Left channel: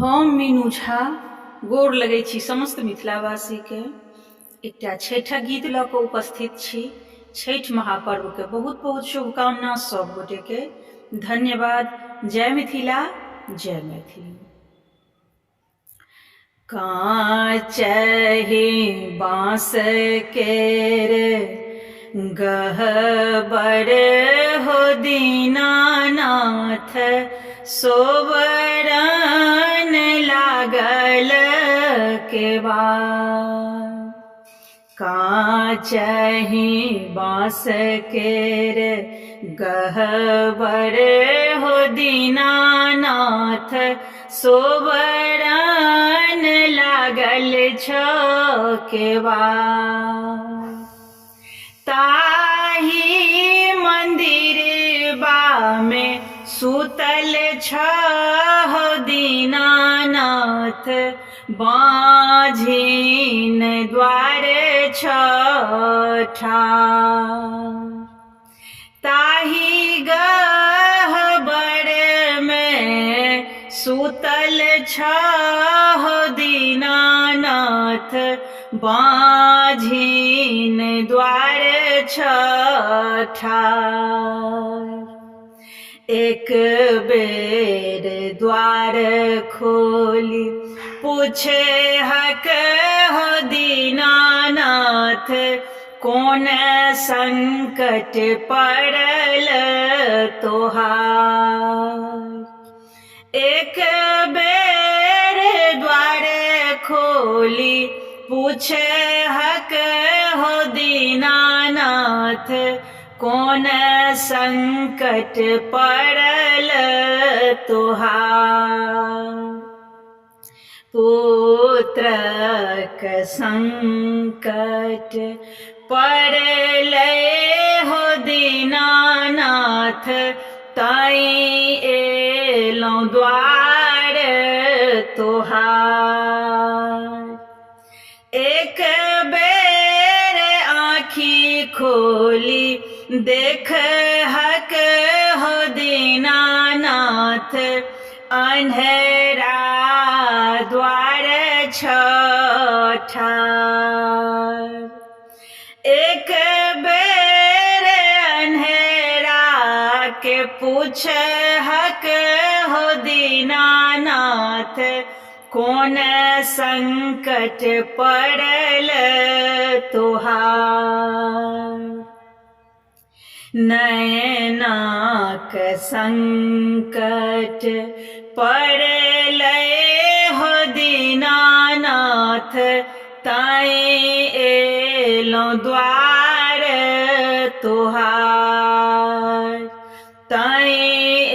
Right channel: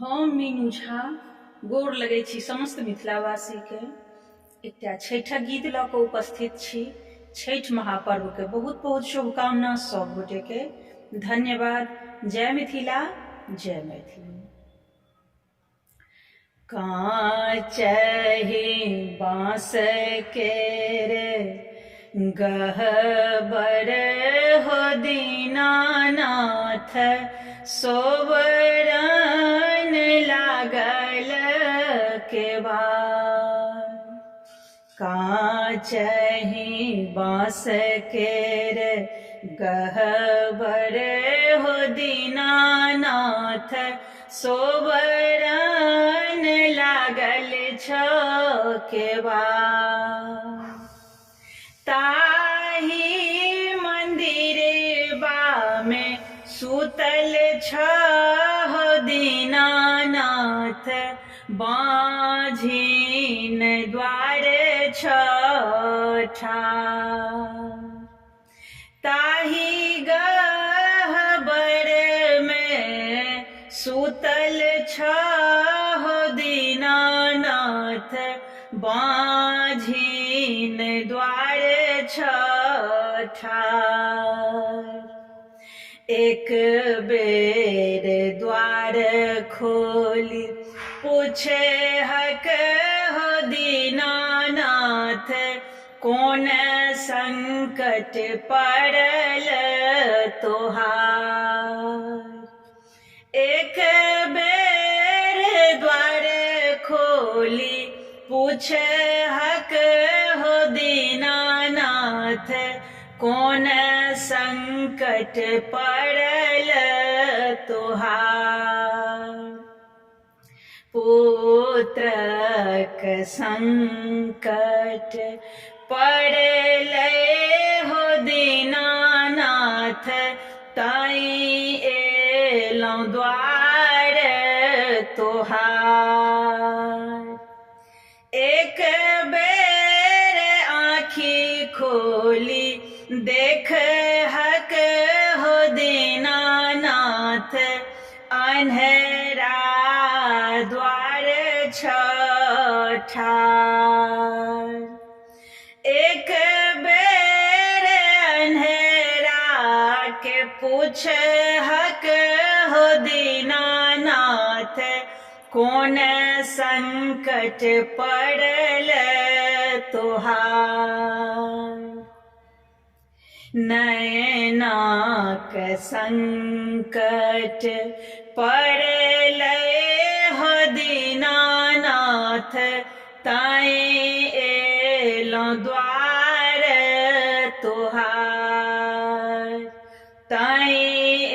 हम मीनू झा गोर लगै छी समस्त मिथिलावासी के। एकटा छठिक गीत लऽ कऽ उपस्थित छी। छठि महापर्व के बहुत बहुत शुभकामना सब गोटे के। धन्यवाद। जय मिथिला, जय मैथिली। काचहि बाँस केरे गहबर हो दीनानाथ, सोबरन लागल केवाड़। काचहि बाँस केरे गहबर हो दीनानाथ, सोबरन लागल छ केवाड़। ताहि मंदिरबा में सुतल छ हो दीनानाथ, बाँझिन द्वार छ ठाढ़। ताहि गह्वर में सुतल छ हो दीनानाथ, बाँझिन द्वार छ ठाढ़। एक बेर द्वार खोली पूछे हक हो दीनानाथ, कोन संकट पड़ल तोहार। एक बेर द्वार खोली पूछे हक हो दीनानाथ, कोन संकट पड़ल तोहार। पुत्रक संकट पड़ल हो दीनानाथ, ताई एलौं द्वार तोहार। एक बेर आँखि खोली देख हक हो दीनानाथ, अन्हेरा द्वार छ ठाढ़। एक बेर अन्हेरा के पूछ हक हो दीनानाथ, कोन संकट पड़ल तोहार। नयनाक संकट पड़ल हो दीनानाथ, ताई एलौं द्वार तोहार। ताई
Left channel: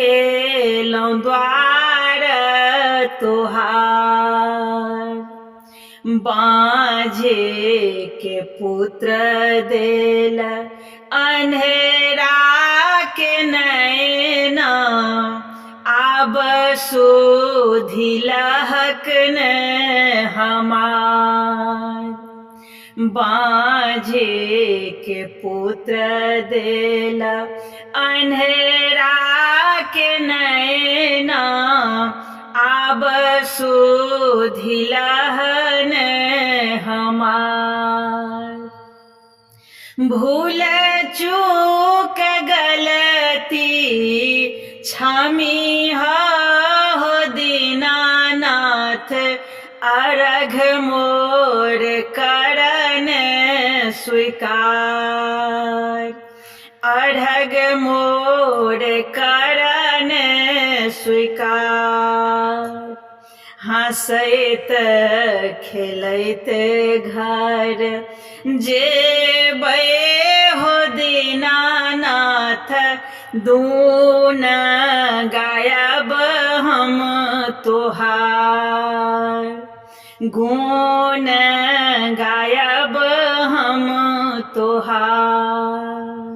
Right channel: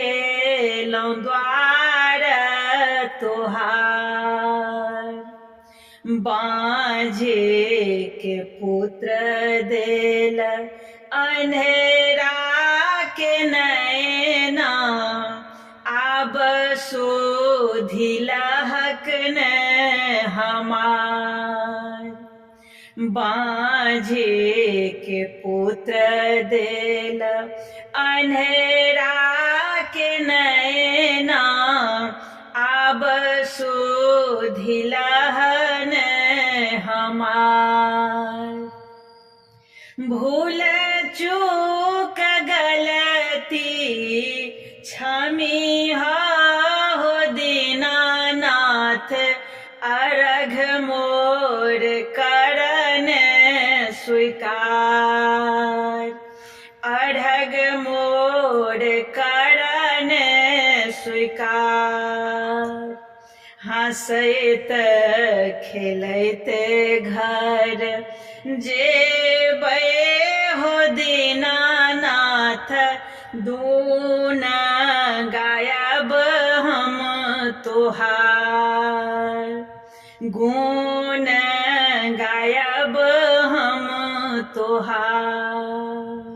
एलौं द्वार तोहार। बाँझे के पुत्र देल अन्हेरा के नैना, आब सुधिलहक न हमार। बाँझे के पुत्र देल अन्हेरा के नैना, आब सुधिलहन हमार। भूल चूक गलती क्षमी हो दीनानाथ, अर्घ मोर करन स्वीकार। अर्घ मोर करन स्वीकार। हँसैत खेलैत घर जेबै हो दीनानाथ, दून गायब हम तोहार। गुण गायब हम तोहार।